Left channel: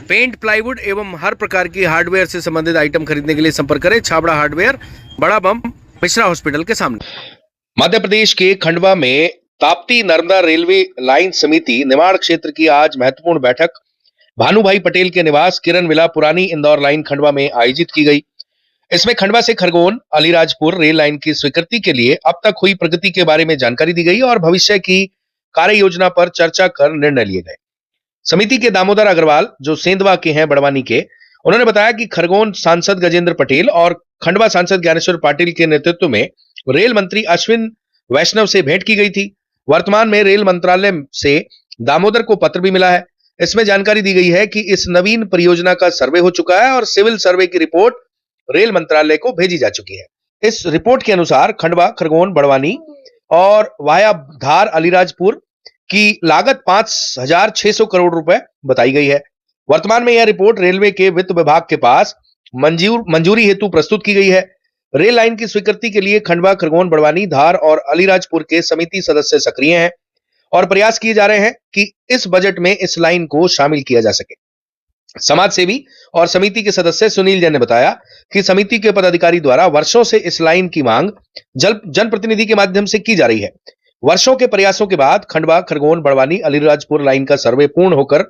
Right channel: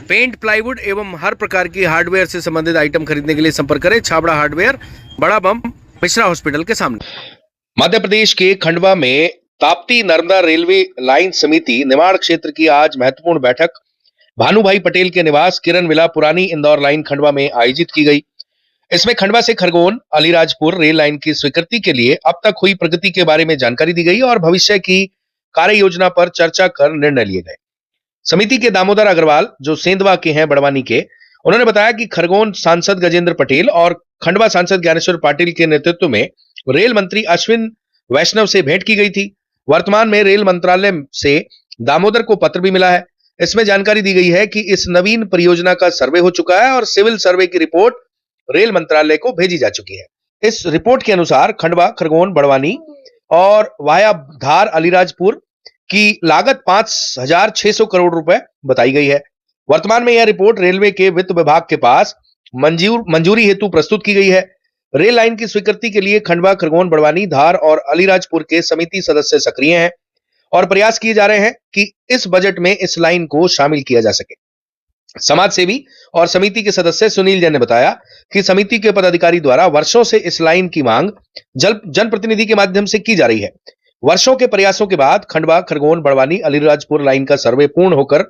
Paint, plywood एवं हर प्रकार की हार्डवेयर से संबंधित आइटम खरीदने के लिए संपर्क करें छाबड़ा हार्डवेयर, बड़ा बम, मिश्रा हॉस्पिटल के सामने। मध्य प्रदेश के खंडवा में ताप्ती नर्मदा रेलवे लाइन समिति निमाड़ क्षेत्र की आज महत्वपूर्ण बैठक भानुभाई पटेल के निवास किरण विला पुरानी इंदौर लाइन खंडवा में आयोजित की गई। इसमें खंडवा से खरगोन अलीराजपुर रेल लाइन की स्वीकृति के लिए अब तक हुई प्रगति के बारे में जानकारी दी गई और भविष्य की कार्य योजना पर चर्चा कर निर्णय लिए गए। समिति के दामोदर अग्रवाल, जो सेंधवा के हैं बड़वानी के, उन्होंने बताया कि खरगोन सांसद गजेंद्र पटेल और खंडवा सांसद ज्ञानेश्वर पाटिल के नेतृत्व में रेल मंत्री अश्विन वैष्णव से भेंट की गई थी। वर्तमान में रेल मंत्रालय से दामोदर को पत्र भी मिला है। इसमें जानकारी दी गई है कि इस नवीन परियोजना का सर्वे हो चुका है और सिविल सर्वे की रिपोर्ट रेल मंत्रालय को भेजी जा चुकी है। इस रिपोर्ट के अनुसार खंडवा, खरगोन, बड़वानी और वाया धार अलीराजपुर की लागत 5,600 करोड़ रुपए बताई गई है। वर्तमान में यह रिपोर्ट रेलवे के वित्त विभाग के पास मंजूरी हेतु प्रस्तुत की गई है। रेल लाइन की स्वीकृति के लिए खंडवा, खरगोन, बड़वानी, धार और अलीराजपुर के समिति सदस्य सक्रिय हैं और प्रयास किए जा रहे हैं कि इस बजट में इस लाइन को शामिल किया जा सके। समाज सेवी और समिति के सदस्य सुनील जैन ने बताया कि समिति के पदाधिकारी द्वारा वर्षों से इस लाइन की मांग जनप्रतिनिधि के माध्यम से की जा रही है। वर्षों के प्रयासों के बाद खंडवा, खरगोन, बड़वानी, अलीराजपुर लाइन का सर्वे पूर्ण होकर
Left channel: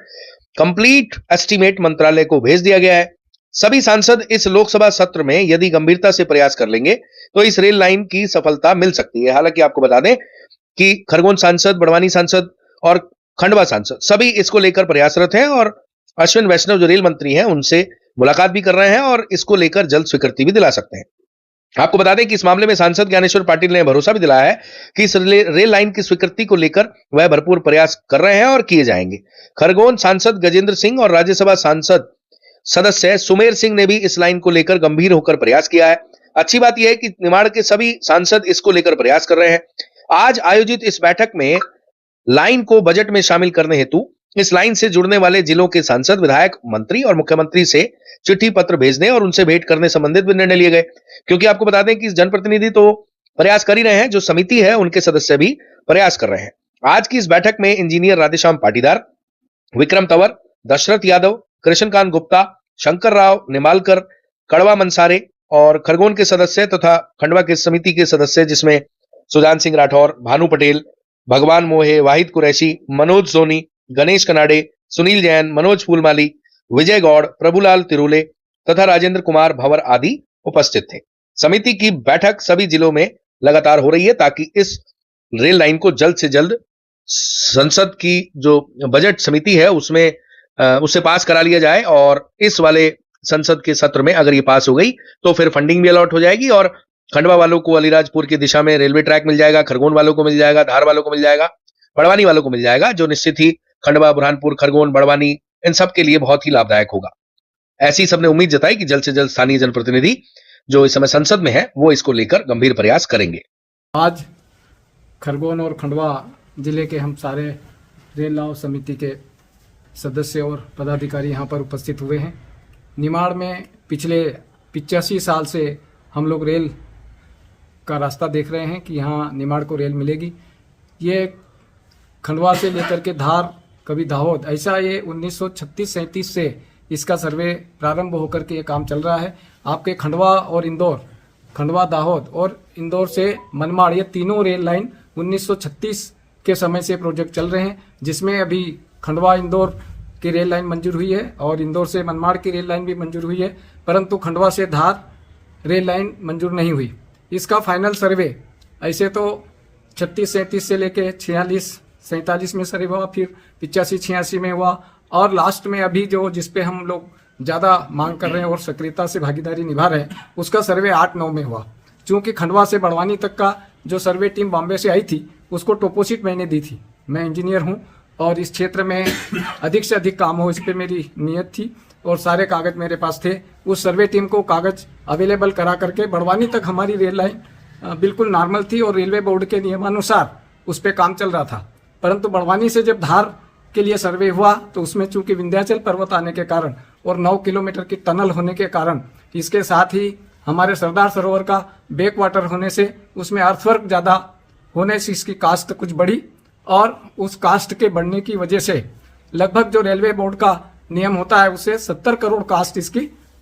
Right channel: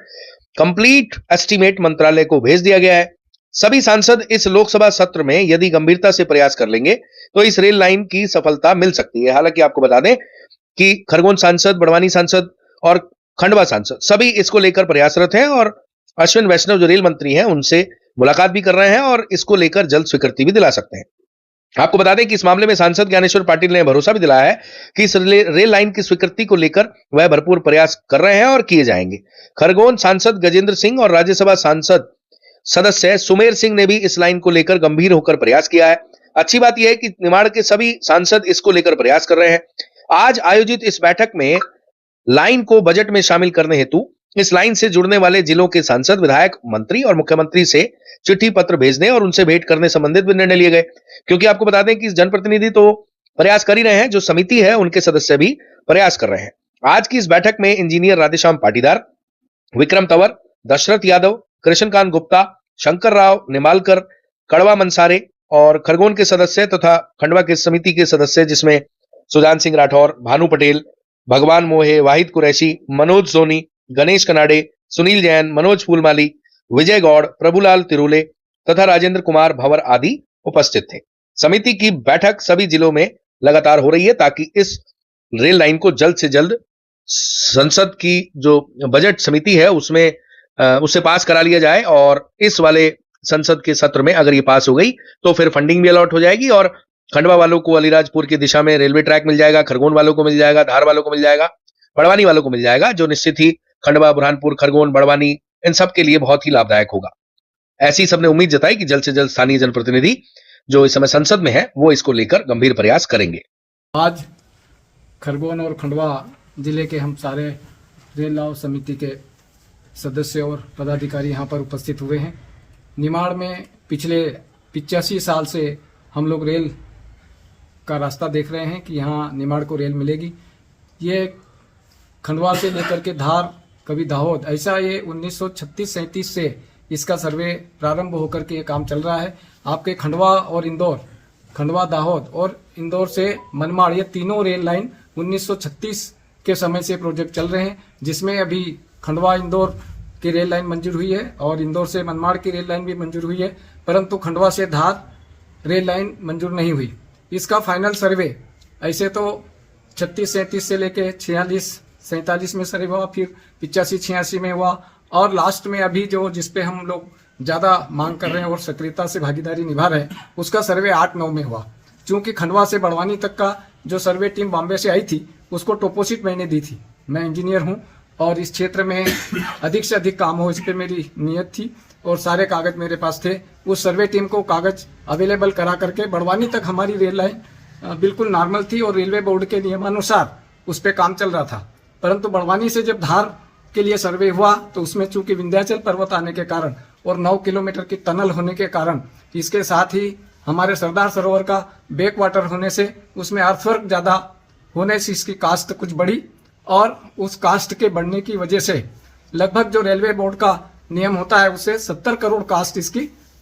कंप्लीट एस्टीमेट मंत्रालय को भेज दिया गया है। सभी सांसद इस लोकसभा सत्र में यदि गंभीरता से प्रयास कर लेंगे तो इस रेल लाइन की सफलता मिल सकती है। हालांकि आपको बता दें कि खरगोन सांसद, बड़वानी सांसद और खंडवा सांसद सभी इसको लेकर प्रयासरत हैं और अश्विन वैष्णव जो रेल मंत्री हैं उनसे मुलाकात भी कर रहे हैं और इसको लेकर जल्द स्वीकृति भी दिला सकते हैं। आपको बता दें कि इस मामले में सांसद ज्ञानेश्वर पाटिल ने भरोसा भी दिलाया है कि इस रेल लाइन की स्वीकृति को लेकर वह भरपूर प्रयास कर रहे हैं और किए जाएंगे। खरगोन सांसद गजेंद्र सिंह और राज्यसभा सांसद सदस्य सुमेर सिंह ने भी इस लाइन को लेकर गंभीर होकर प्रयास किया है। अच्छी बात यह है कि निमाड़ के सभी सांसद इसको लेकर प्रयास कर रहे हैं। आज आयोजित इस बैठक में लाइन को बजट में शामिल करने हेतु इस लाइन से जुड़ने वाले जिलों के सांसद, विधायक, मंत्री और मुख्यमंत्री से चिट्ठी पत्र भेजने और उनसे भेंट करने संबंधित भी निर्णय लिए गए। क्योंकि आपको बता दें कि जनप्रतिनिधि तो प्रयास कर ही रहे हैं, जो समिति है उनके सदस्य भी प्रयास कर रहे हैं। आज की इस बैठक में इंजीनियर राधेश्याम पाटीदार, विक्रम तंवर, दशरथ यादव, कृष्णकांत गुप्ता, शंकर राव निमालकर, कड़वा मंसारे और खरगोन के सदस्य तथा खंडवा के समिति के सदस्य जिसमें सुजान सिंह राठौर, भानु पटेल, भगवान मोहे, वाहिद कुरैशी, मनोज सोनी, गणेश कनाडे, सुनील जैन, मनोज फूलमाली, विजय गौड़, प्रभुलाल तिरुले तथा राजेंद्र कुमार भंवर आदि उपस्थित थे। समिति की बैठक सभी जिलों में लगातार हो रही है ताकि इस रेल लाइन को जल्द से जल्द संसद की जो बजट समिति है उसमें उसे पास करा लिया जाए और इस वाले संसद के सत्र में अगर ये पास हो गई तो फिर फंडिंग भी अलॉट हो जाएगी और खंडवा वालों को अलीराजपुर की दिशा में रेलवे ट्रैक मिल जाएगा, खरगोन वालों को मिल जाएगा, धार वालों को मिल जाएगा, बड़वानी वालों को मिल जाएगा, जो निश्चित ही खंडवा, बुरहानपुर, खरगोन, बड़वानी इन सब के लिए बहुत ही लाभदायक होगा। ऐसी सबने उम्मीद जताई कि जल्द से जल्द स्थानीय जनप्रतिनिधि जो इस समय संसद में है वो इसको लेकर गंभीर प्रयास करेंगे। आज खरगोन और खंडवा जिले के हम सारे रेल लाभ समिति के सदस्य और पदाधिकारी यहाँ पर उपस्थित हुए हैं। निमाड़ में पिछले 85 साल से हम लोग रेल का रास्ता देख रहे हैं कि यहाँ निमाड़ को रेल मिलेगी। ये खंडवा से लेकर के धार, कभी दाहोद, ऐसा ये 1936-37 से इसका सर्वे प्रारंभ होकर के ये काम चल रहा है। आपके खंडवा और इंदौर, खंडवा, दाहोद और इंदौर से मनमाड़, ये तीनों रेल लाइन 1936 के समय से प्रोजेक्ट चल रहे हैं, जिसमें अभी खंडवा इंदौर की रेल लाइन मंजूर हुई है और इंदौर से मनमाड़ की रेल लाइन भी मंजूर हुई है, परंतु खंडवा से धार रेल लाइन मंजूर नहीं हुई। इसका फाइनल सर्वे ऐसे तो 36-37 से लेके 46-47 में सर्वे हुआ, फिर 85-86 में हुआ और लास्ट में अभी जो जिसपे हम लोग ज्यादा मांग कर रहे हैं और सक्रियता से भागीदारी निभा रहे हैं उसका सर्वे 8-9 में हुआ। क्योंकि खंडवा से बड़वानी तक का जो सर्वे टीम बॉम्बे से आई थी उसको टोपोशीट मैंने दी थी। मैं इंजीनियर हूँ और इस क्षेत्र में अधिक से अधिक काम हो इस पर मेरी नीयत थी और सारे कागज मेरे पास थे। उस सर्वे टीम को कागज अवेलेबल करा करके बड़वानी तक हमारी रेल लाइन बिल्कुल नॉर्मल थी और रेलवे बोर्ड के नियमानुसार उस पर काम चल रहा था। परंतु बड़वानी से जब धार के लिए सर्वे हुआ तो उसमें चूंकि विंध्याचल पर्वत आने के कारण और 9 किलोमीटर की टनल होने के कारण, इसके साथ ही हमारे सरदार सरोवर का बैक वाटर होने से उसमें अर्थवर्क ज्यादा होने से इसकी कास्ट कुछ बढ़ी और उस कास्ट के बढ़ने की वजह से लगभग जो रेलवे बोर्ड का नियम होता है उससे 70 करोड़ कास्ट इसकी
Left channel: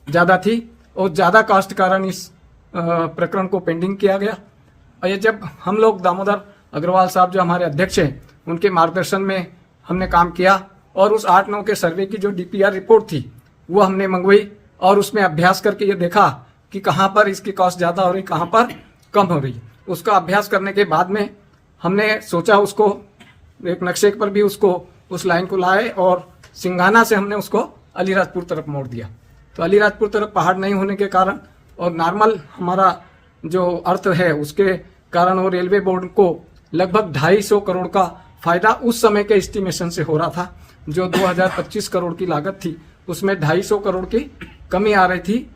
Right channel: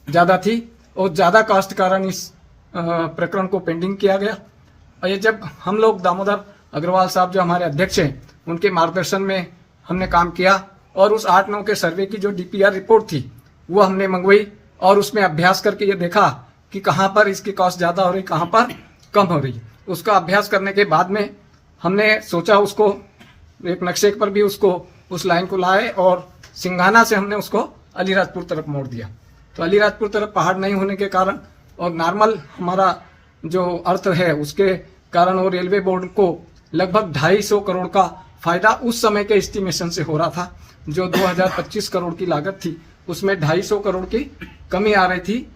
ज्यादा थी और ज्यादा कास्ट कारण इस प्रकरण को पेंडिंग किया गया। और ये जब हम लोग दामोदर अग्रवाल साहब जो हमारे अध्यक्ष हैं उनके मार्गदर्शन में हमने काम किया और उस 8-9 के सर्वे की जो DPR रिपोर्ट थी वो हमने मंगवाई और उसमें अभ्यास करके ये देखा कि कहाँ पर इसकी कॉस्ट ज्यादा हो रही, कहाँ पर कम हो रही। उसका अभ्यास करने के बाद में हमने सोचा उसको एक नक्शे पर भी उसको उस लाइन को लाए और सिंघाना से हमने उसको अलीराजपुर तरफ मोड़ दिया। तो अलीराजपुर तरफ पहाड़ नहीं होने के कारण और नॉर्मल हमारा जो अर्थ है उसके कारण और रेलवे बोर्ड को लगभग 250 करोड़ का फायदा उस समय के एस्टिमेशन से हो रहा था। जो 2025 करोड़ की लागत थी उसमें 250 करोड़ की कमी आ रही थी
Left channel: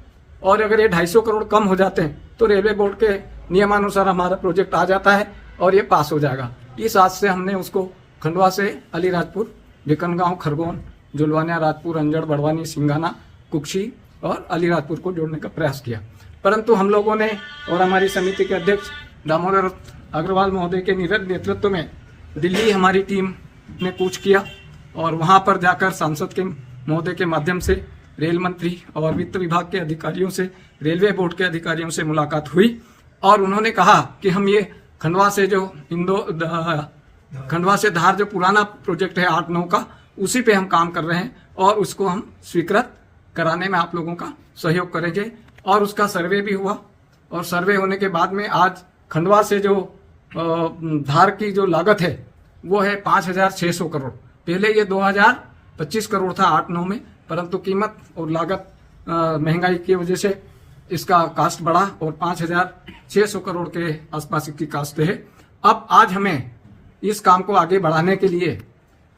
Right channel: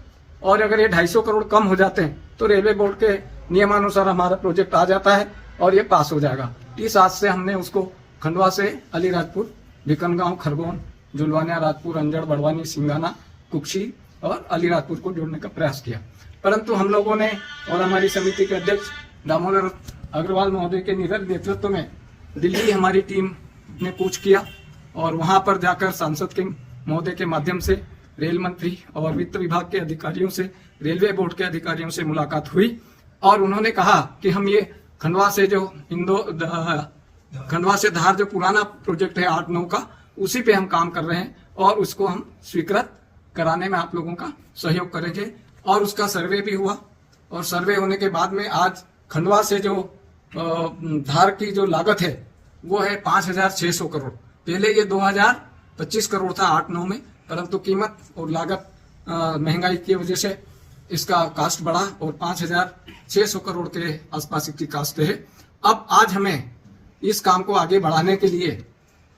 और अगर ये 250 करोड़ कम हो जाते हैं तो रेलवे बोर्ड के नियमानुसार हमारा प्रोजेक्ट आ जाता है और ये पास हो जाएगा। इस आज से हमने उसको खंडवा से अलीराजपुर, भिकनगांव, खरगोन, जुलवानिया, राजपुर, अंजड़, बड़वानी, सिंघाना, कुक्षी और अलीराजपुर को जोड़ने का प्रयास किया। परंतु हम लोगों ने और हमारी समिति के अध्यक्ष दामोदर अग्रवाल महोदय के नीरज नेतृत्व में दिल्ली हमारी टीम ने कूच किया और वहां पर जाकर सांसद के महोदय के माध्यम से रेल मंत्री और वित्त विभाग के अधिकारियों से, रेलवे बोर्ड के अधिकारियों से मुलाकात हुई और उन्होंने कहा कि हम ये खंडवा से जो खंडवा से धार जो पुराना प्रोजेक्ट है 8-9 का, उसी पे हम काम कर रहे हैं और उसको हम स्वीकृत कराने में आप लोगों का सहयोग करेंगे। और उसका सर्वे भी हुआ और सर्वे होने के बाद में आज खंडवा से जो धार की जो लागत है वो है 5,600 करोड़। पहले ये 2025 करोड़ था 8-9 में, परंतु कीमत और लागत महंगाई की वजह से इसका कास्ट बढ़ा और 5,600 करोड़ के आसपास की कास्ट है। अब आज हमें इस काम को आगे बढ़ाने के लिए,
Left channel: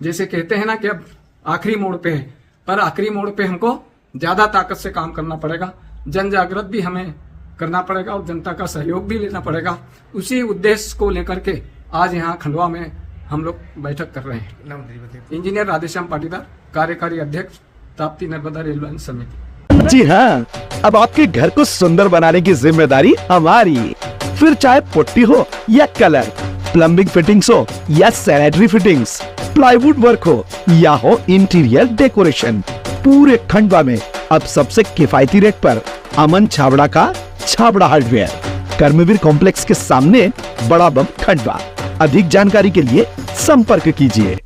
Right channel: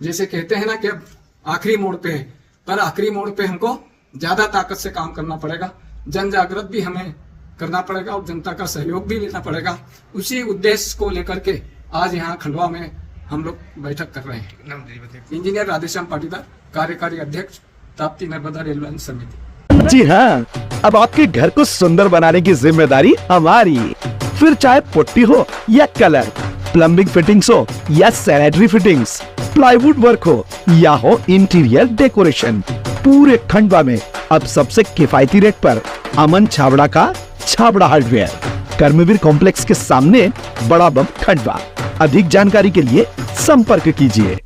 जैसे कहते हैं ना कि अब आखिरी मोड़ पे है, पर आखिरी मोड़ पे हमको ज्यादा ताकत से काम करना पड़ेगा, जन जागृत भी हमें करना पड़ेगा और जनता का सहयोग भी लेना पड़ेगा। उसी उद्देश्य को लेकर के आज यहाँ खंडवा में हम लोग बैठक कर रहे हैं। इंजीनियर राधेश्याम पाटीदार, कार्यकारी अध्यक्ष, ताप्ती नर्मदा रेल लाइन समिति। जी हाँ, अब आपके घर को सुंदर बनाने की जिम्मेदारी हमारी। फिर चाहे पुट्टी हो या कलर, प्लम्बिंग फिटिंग्स हो या सैनिटरी फिटिंग्स, प्लाईवुड वर्क हो या हो इंटीरियर डेकोरेशन, पूरे खंडवा में अब सबसे किफायती रेट पर अमन छाबड़ा का छाबड़ा हार्डवेयर, कर्मवीर कॉम्प्लेक्स के सामने, बड़ा बम, खंडवा। अधिक जानकारी के लिए संपर्क कीजिए।